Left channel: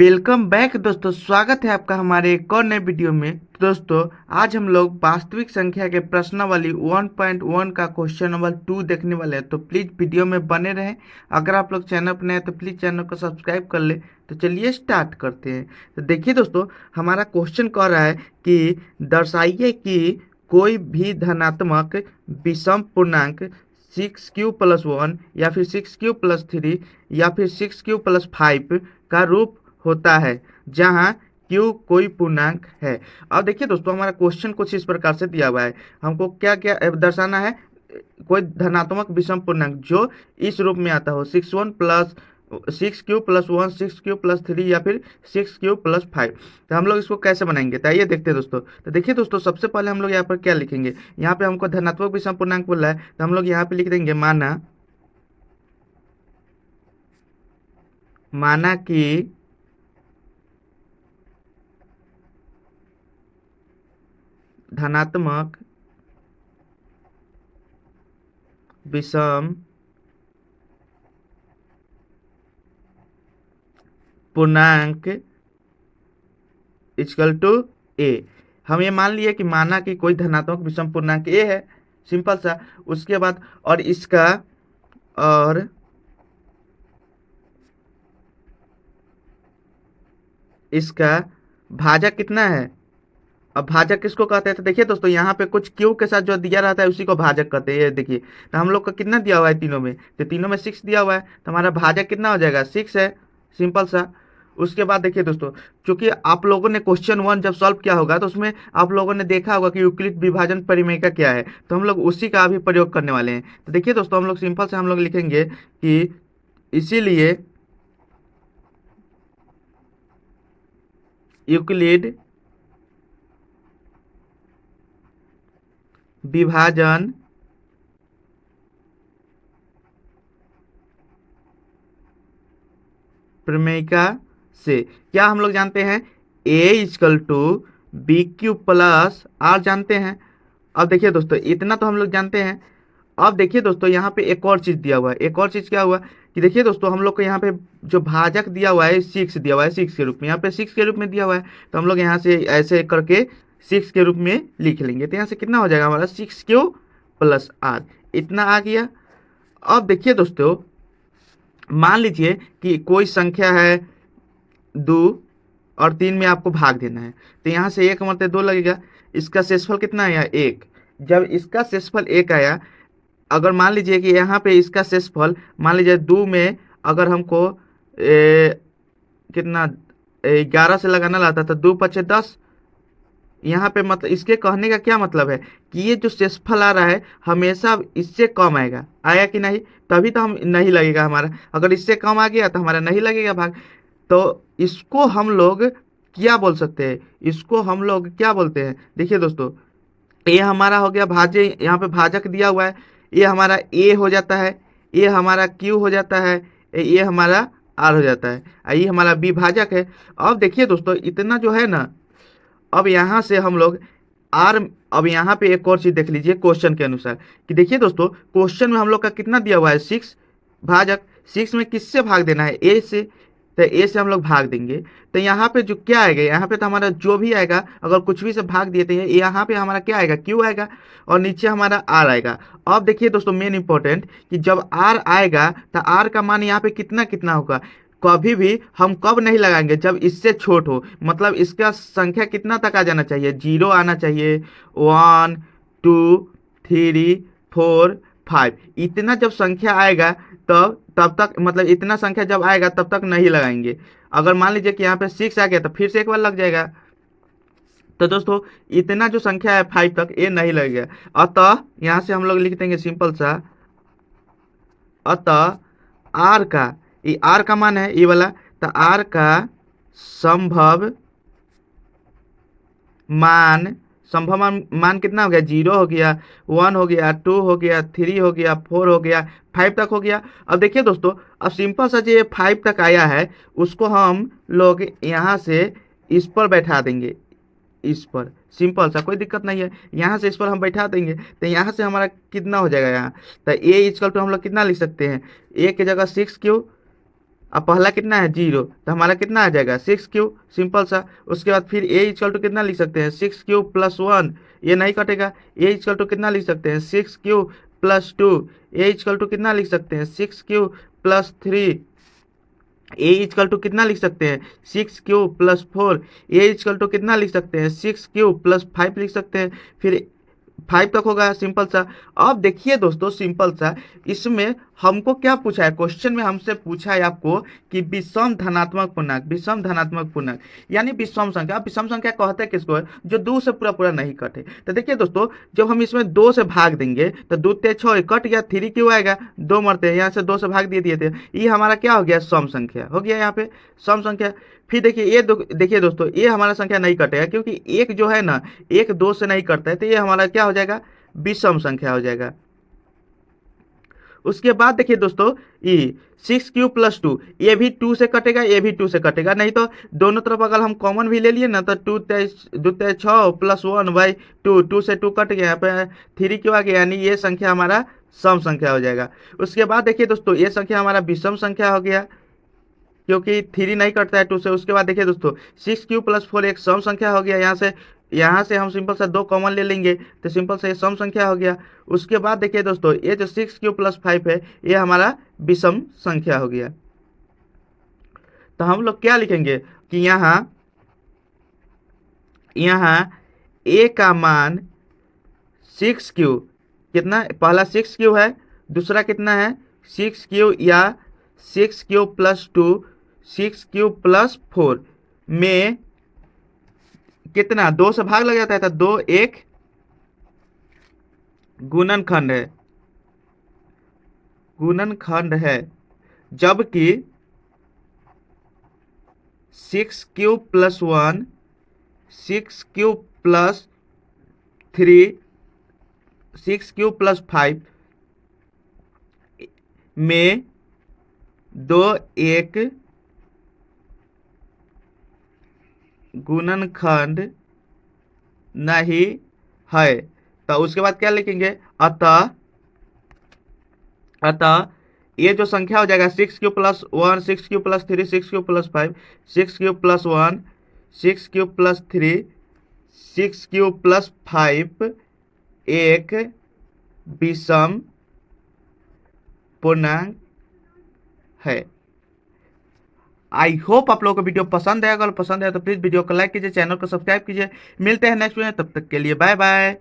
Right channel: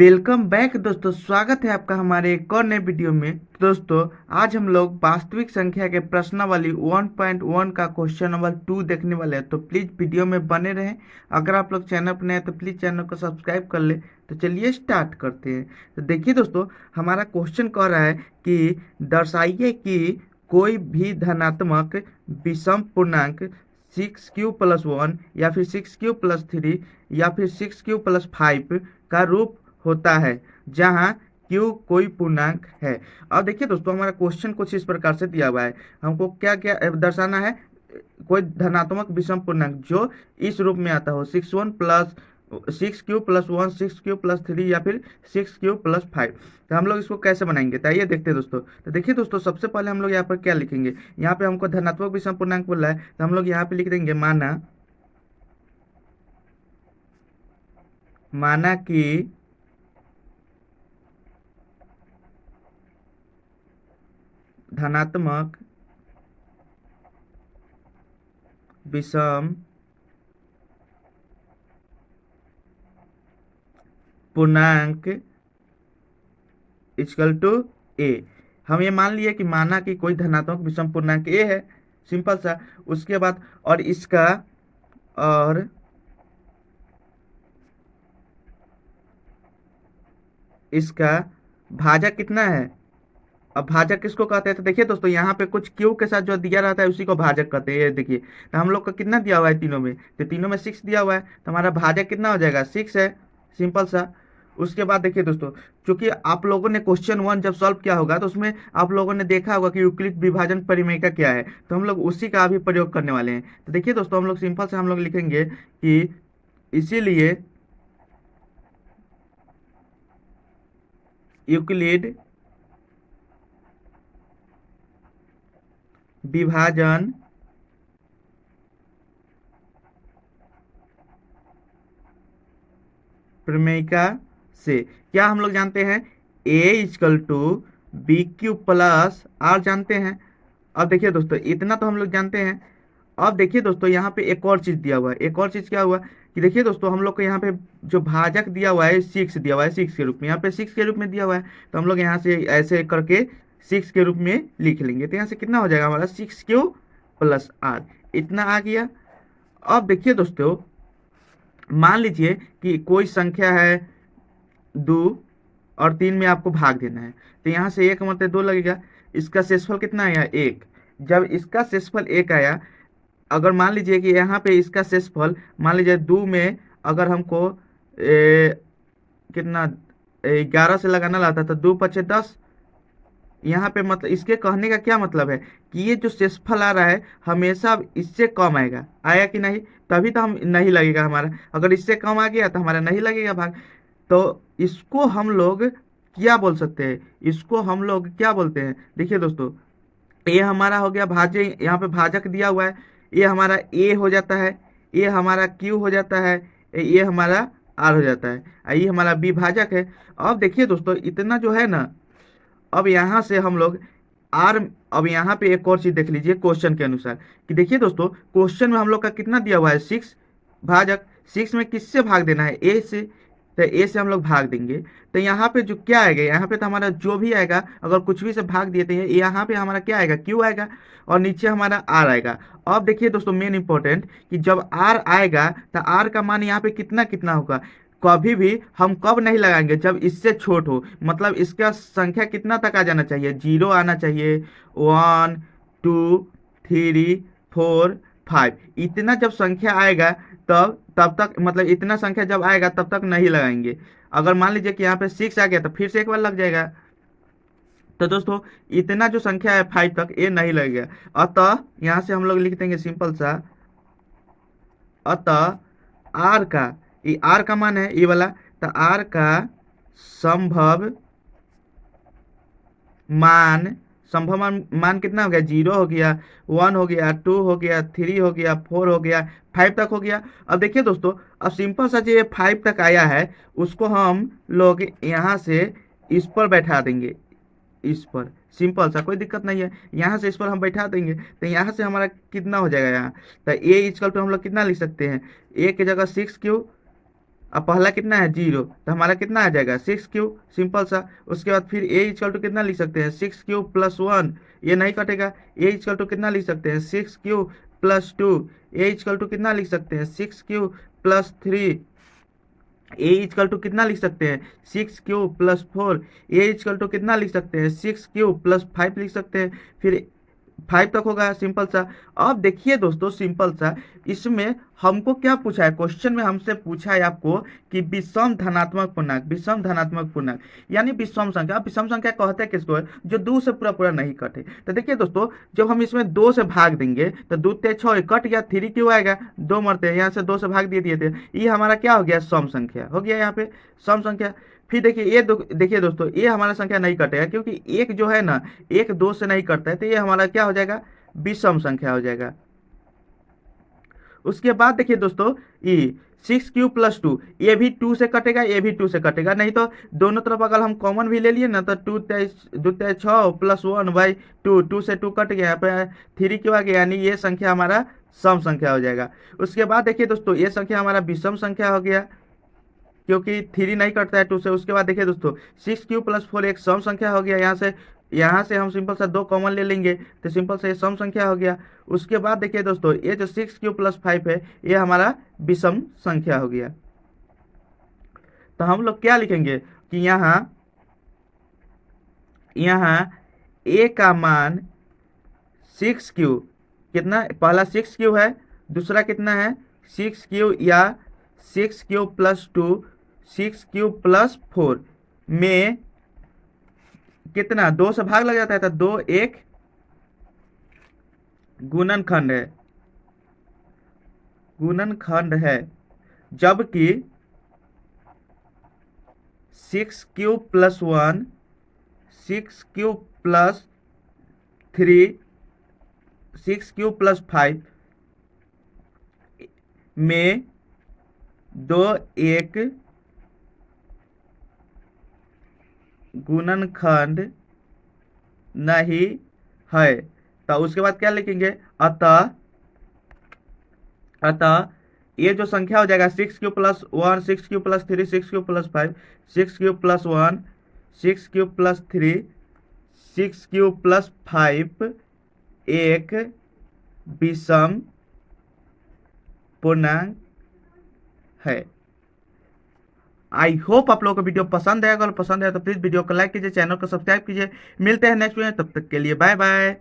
Welcome back दोस्तों। स्वागत है आपका हमारे एक और नए वीडियो में। दोस्तों आज हम लोग वास्तविक संख्या के प्रश्नावली 1.1 का क्वेश्चन नंबर 2 देखने वाले हैं, तो प्लीज़ वीडियो में बने रहें। अगर आप लोग चैनल पर नए हैं तो प्लीज़ चैनल को सब्सक्राइब कर ले। तो चलिए स्टार्ट करते हैं। तो देखिए दोस्तों, हमारा क्वेश्चन कह रहा है कि दर्शाइए कि कोई भी धनात्मक विषम पूर्णांक 6q+1 या फिर 6q+3 या फिर 6q+5 का रूप होता है जहां q कोई पूर्णांक है। अब देखिए दोस्तों, हमारा क्वेश्चन कुछ इस प्रकार से दिया हुआ है। हमको क्या क्या दर्शाना है? कोई धनात्मक विषम पूर्णांक जो इस रूप में आता हो 6q+1 6q+3 या फिर 6q+5। तो हम लोग इसको कैसे बनाएंगे, तो आइए देखते हैं दोस्तों। तो देखिए दोस्तों, सबसे पहले हम लोग यहाँ पर क्या लिखेंगे। यहाँ पे हमको धनात्मक विषम पूर्णांक बोल रहा है, तो हम लोग यहाँ पे लिख देंगे माना कि धनात्मक विषम पूर्णांक इक्वल टू ए। हम ये मान लिए कि माना कि कोई धनात्मक विषम पूर्णांक ए है, सिंपल सा। उसके बाद और इसका भाजक कितना है। अब भाजक किसको कहते हैं? तो देखिए दोस्तों, यहाँ पे कुछ क्यू के साथ जो दिया रहता है उसी को भाजक कहते हैं। ये देखिए, तो हम लोग का कितना दिया हुआ है तीनों में, तो तीनों में 6 दिया हुआ है, तो हमारा भाजक कितना हो जाएगा? 6 है, सिंपल सा। उसके बाद देखिए दोस्तों, चूंकि आप लोगों ने क्वेश्चन 1 जब सॉल्व किया होगा तो उसमें आप लोगों ने देखा होगा कि यूक्लिड विभाजन परिमेय क्या है, तो हम लोग उसी का भी प्रयोग करने वाले हैं। तो देखिए दोस्तों, हम लोग सिंपल से हम लोग लिखेंगे कि इसीलिए यूक्लिड विभाजन प्रमेयिका से क्या हम लोग जानते हैं? a=bq+r जानते हैं। अब देखिए दोस्तों, इतना तो हम लोग जानते हैं। अब देखिए दोस्तों, यहाँ पे एक और चीज दिया हुआ है। एक और चीज क्या हुआ कि देखिए दोस्तों, हम लोग को यहाँ पे जो भाजक दिया हुआ है 6 दिया हुआ है, 6 के रूप में। यहाँ पे 6 के रूप में दिया हुआ है, तो हम लोग यहाँ से ऐसे करके 6 के रूप में लिख लेंगे। तो यहाँ से कितना हो जाएगा हमारा? 6q+r, इतना आ गया। अब देखिए दोस्तों, मान लीजिए कि कोई संख्या है 2 और 3 में आपको भाग देना है, तो यहाँ से 1 मरते 2 लगेगा। इसका शेषफल कितना आया? 1। जब इसका शेषफल 1 आया, अगर मान लीजिए कि यहाँ पे इसका शेषफल मान लीजिए 2 में अगर हमको कितना 11 से लगाना लाता था, 2×5=10। यहाँ पे मतलब इसके कहने का क्या मतलब है कि ये जो शेषफल आ रहा है हमेशा इससे कम आएगा, आया कि नहीं? तभी तो हम नहीं लगेगा हमारा। अगर इससे कम आ गया तो हमारा नहीं लगेगा भाग। तो इसको हम लोग क्या बोल सकते हैं? इसको हम लोग क्या बोलते हैं? देखिए दोस्तों, ये हमारा हो गया भाज्य, यहाँ पे भाजक दिया हुआ है। ये हमारा ए हो जाता है, ये हमारा क्यू हो जाता है, ये हमारा आर हो जाता है, ये हमारा विभाजक है। अब देखिए दोस्तों, इतना जो है ना, अब यहाँ से हम लोग आर, अब यहाँ पे एक और चीज देख लीजिए क्वेश्चन के अनुसार कि देखिए दोस्तों, क्वेश्चन में हम लोग का कितना दिया हुआ है? 6 भाजक। 6 में किससे भाग देना है? ए से। तो ए से हम लोग भाग देंगे, तो यहाँ पे जो क्या आएगा, यहाँ पे तो हमारा जो भी आएगा, अगर कुछ भी से भाग देते हैं, यहाँ पे हमारा क्या आएगा? क्यू आएगा, और नीचे हमारा आर आएगा। अब देखिए दोस्तों, मेन इंपॉर्टेंट कि जब आर आएगा तो आर का मान यहाँ पे कितना कितना होगा? कभी भी हम कब नहीं लगाएंगे? जब इससे छोट हो, मतलब इसका संख्या कितना तक आ जाना चाहिए? 0 आना चाहिए, 1 2 3 4 5, इतना जब संख्या आएगा तब तक, मतलब इतना संख्या जब आएगा तब तक नहीं लगाएंगे। अगर मान लीजिए कि यहाँ पे 6 आ गया तो फिर से एक बार लग जाएगा। तो दोस्तों, इतना जो संख्या है 5 तक, ये नहीं लगेगा। अतः यहाँ से हम लोग लिख देंगे सिंपल सा, अतः आर का, ये आर का मान है ये वाला, तो आर का संभव मान, मान कितना हो गया? 0 हो गया, 1 हो गया, 2 हो गया, 3 हो गया, 4 हो गया, 5 तक हो गया। अब देखिए दोस्तों, अब सिंपल सा जो ये 5 तक आया है उसको हम लोग यहाँ से इस पर बैठा देंगे, इस पर। सिंपल सा, कोई दिक्कत नहीं है। यहाँ से इस पर हम बैठा देंगे, तो यहाँ से हमारा कितना हो जाएगा यहाँ? तो ए इक्वल टू हम लोग कितना लिख सकते हैं? ए की जगह 6q, अब पहला कितना है 0, तो हमारा कितना आ जाएगा 6 क्यूब, सिंपल सा। उसके बाद फिर ए इक्वल टू कितना लिख सकते हैं 6 क्यूब +1, ये नहीं कटेगा। ए इक्वल टू कितना लिख सकते हैं 6 क्यूब +2, ए इक्वल टू कितना लिख सकते हैं 6 क्यूब +3, ए इक्वल टू कितना लिख सकते हैं 6 क्यूब +4, ए इक्वल टू कितना लिख सकते हैं 6 क्यूब +5 लिख सकते हैं, फिर 5 तक होगा, सिंपल सा। अब देखिए दोस्तों, सिंपल सा, इसमें हमको क्या पूछा है, क्वेश्चन में हमसे पूछा है आपको कि विषम धनात्मक पूर्णांक, विषम धनात्मक पूर्णांक यानी विषम संख्या। अब विषम संख्या कहते हैं किसको है, जो 2 से पूरा पूरा नहीं कटे। तो देखिए दोस्तों, जब हम इसमें 2 से भाग देंगे तो 2 × 6 कट गया, 3 क्यों आएगा, 2 मरते हैं, यहाँ से 2 से भाग दिए थे, ये हमारा क्या हो गया, सम संख्या हो गया, यहाँ पे सम संख्या। फिर देखिए ये देखिए दोस्तों, ये हमारा संख्या नहीं कटेगा, क्योंकि एक जो है ना, एक 2 से नहीं कटता है, तो ये हमारा क्या हो जाएगा, विषम संख्या हो जाएगा। उसके बाद देखिए दोस्तों, ये 6 क्यूब +2, ये भी 2 से कटेगा, ये भी 2 से कटेगा, नहीं तो दोनों तरफ अगर हम कॉमन भी ले लिए ना, तो 2 × 6 +1/2, 2 से 2 कट गया, यहाँ पे 3 क्यों आ गया, यानी ये संख्या हमारा सम संख्या हो जाएगा। उसके बाद देखिए दोस्तों, ये संख्या हमारा विषम संख्या हो गया, क्योंकि 3 नहीं कटता है 2 से। उसके बाद देखिए दोस्तों, 6 क्यूब +4 एक सम संख्या हो गया, यहाँ से हम सिंपल सा 2 कॉमन ले लेंगे, तो सिंपल से ये सम संख्या हो गया। उसके बाद देखिए दोस्तों, ये जो 6 क्यूब +5 है, ये हमारा विषम संख्या हो गया। तो हम लोग क्या लिखेंगे कि यहाँ यहाँ ए का मान 6 क्यूब, कितना, पहला 6 क्यूब है, दूसरा कितना है 6 क्यूब, या 6 क्यूब +2, 6 क्यूब +4 में कितना 2 से भाग लग जाता है, तो 2 एक गुणनखंड है, गुणनखंड है, जबकि 6 क्यूब +1, 6 क्यूब +3, 6 क्यूब +5 में 2 एक गुणनखंड नहीं है। तो उसके बाद क्या लिखेंगे, अतः ये जो संख्या हो जाएगा 6 cube +1, 6 cube +3, 6 cube +5, 6 cube +1, 6 cube +3, 6 cube +5 एक विषम पूर्णांक है। आई होप आप लोगों को वीडियो पसंद आएगा, अगर पसंद आया तो प्लीज़ वीडियो को लाइक कीजिए, चैनल को सब्सक्राइब कीजिए। मिलते हैं नेक्स्ट वीडियो में, तब तक के लिए बाय बाय।